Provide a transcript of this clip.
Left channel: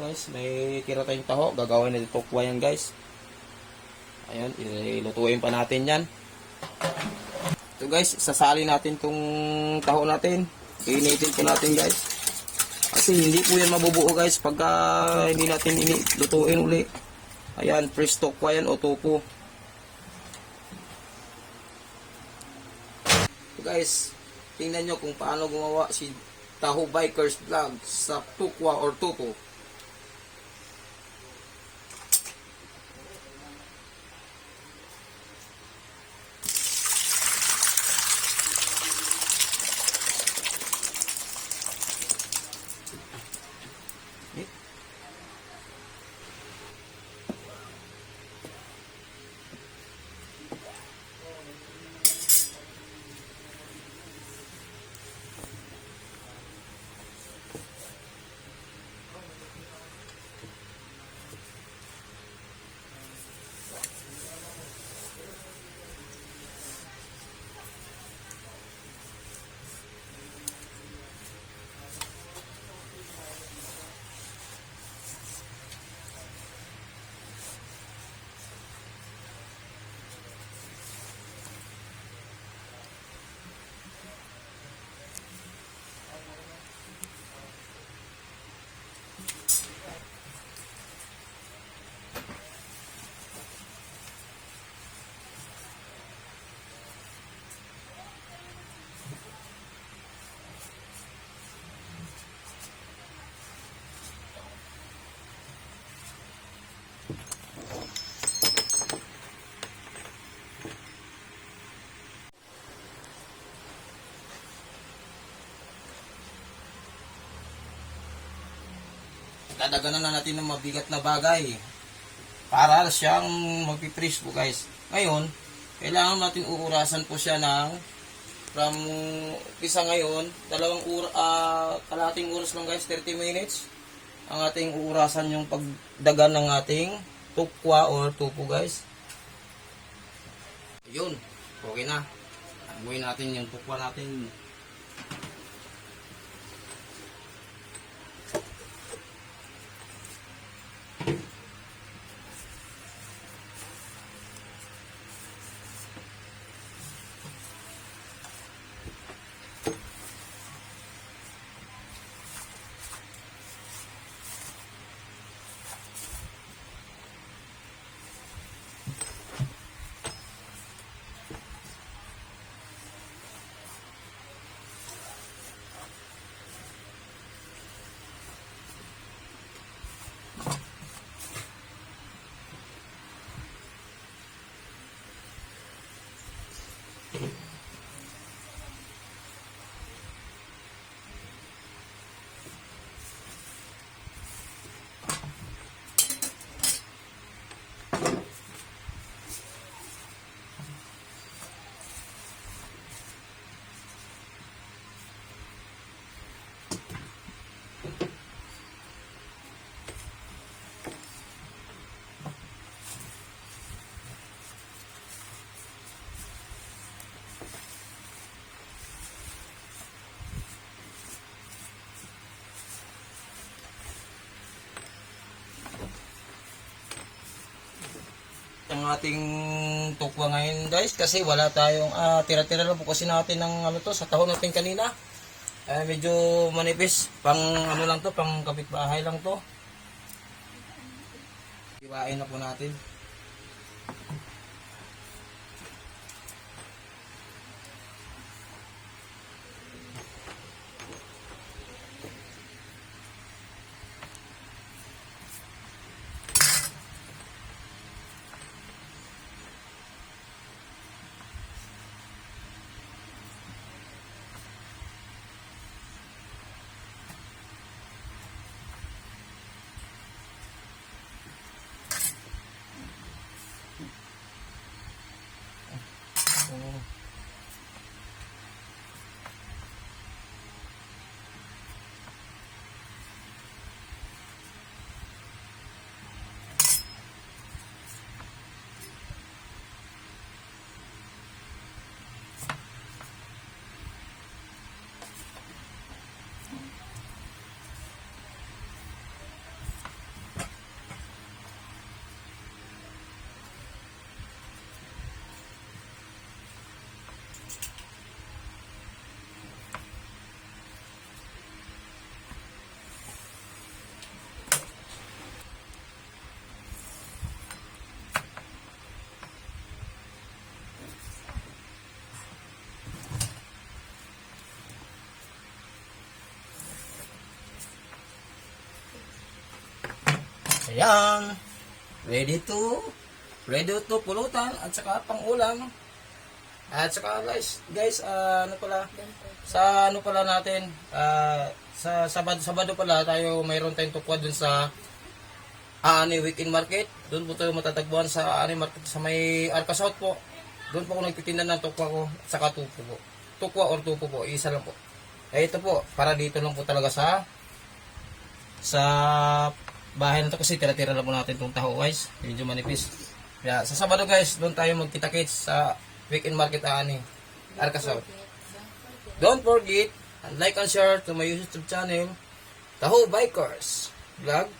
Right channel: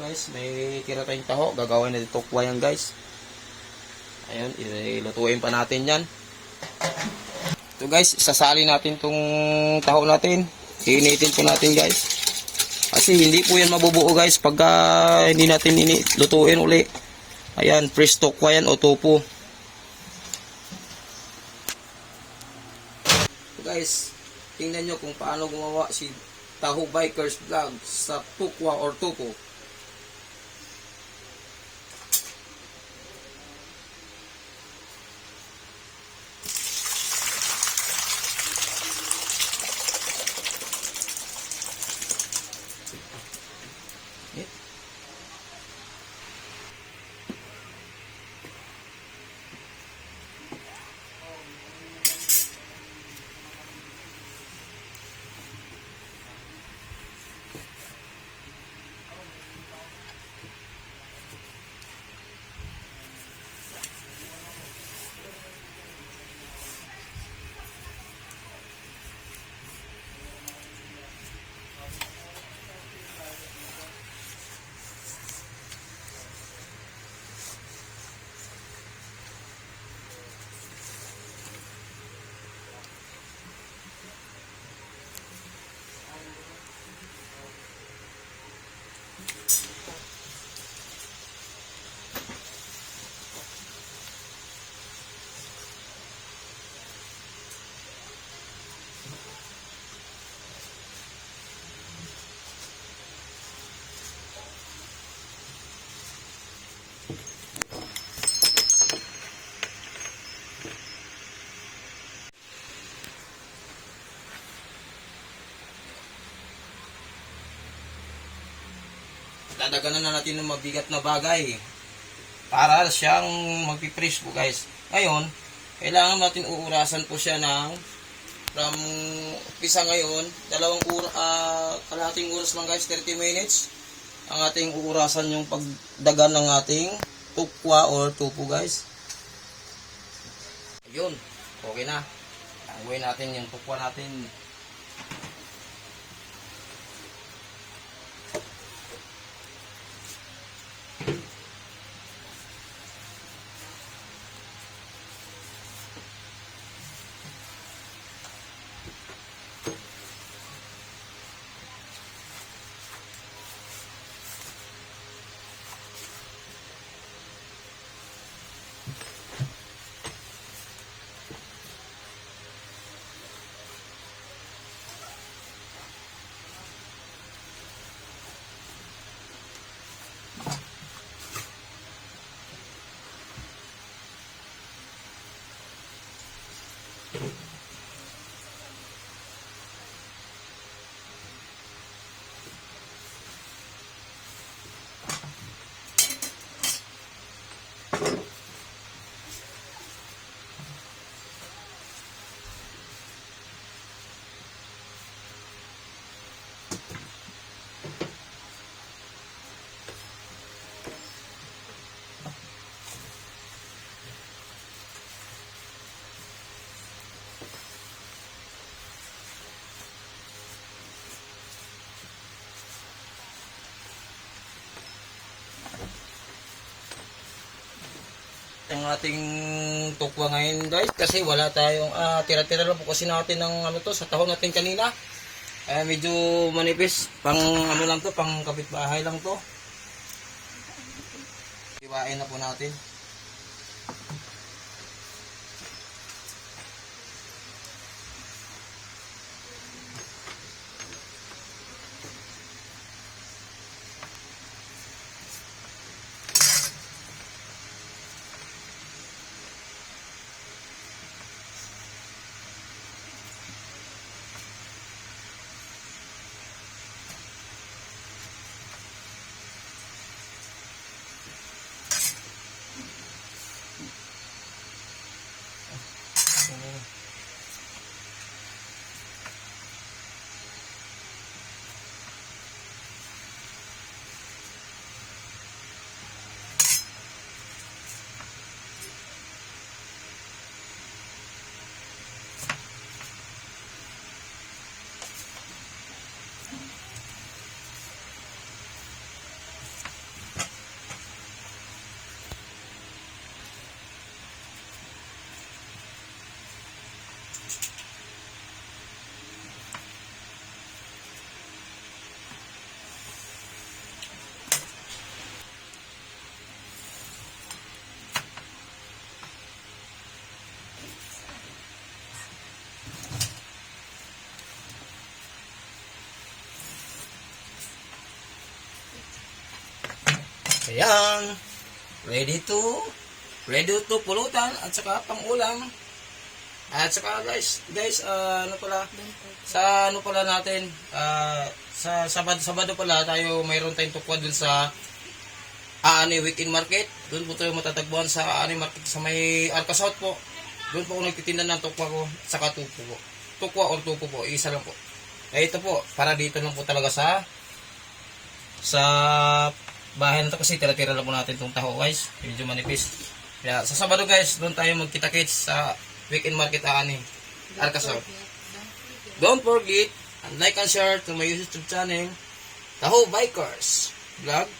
guys, may tira tayong taho. Gagawin natin tukwa yan guys. Ayun, ilutuin pa natin yan. Ito guys, isasali natin tong taho natin. Iinitin po natin guys. Kasi hindi po yan mabubuo guys pagka hindi natin lutuin uli. Ayan, fresh tukwa yan o tofu. So guys, tingnan nyo kung paano gumawa si Taho Bikers Vlog sa tukwa or tofu. Dadaganan na natin ng mabigat na bagay para siyang magpiprease po guys. Ngayon, kailangan natin uurasan po siya ng from pisa ngayon, kalahating oras lang guys, 30 minutes ang ating uurasan yung pagdagan ng ating tukwa or tofu guys. Ayun, okay na. Tanguin natin yung tukwa natin. Ang ating tukwa ngayon guys, kasi wala tayong tira-tira lang po kasi natin ng ano to sa tahon natin kanina. Medyo manipis, pang ano lang to, pang kapitbahay lang to. Iwain na po natin. Ayan. Ready to pulutan at saka pang ulam. At saka guys, sa ano pala natin, sa Sabado pala tayo mayroon tayong tukwa dun sa Aani Weekend Market. Doon po tayo matatagpuan sa Aani Market sa may Arca South po. Doon po ako nagtitinda ng tukwa ko at saka tupo po. Tukwa or tupo po, isa lang po. Ito po, para dito lang po talaga sa bahay na to kasi tira-tira lang po natin itong taho guys. Medyo manipis. Kaya sa Sabado guys, doon tayo magkita-kits sa Weekend Market Aani, Arca South. Don't forget, and like and share to my YouTube channel, Taho Bikers Vlog.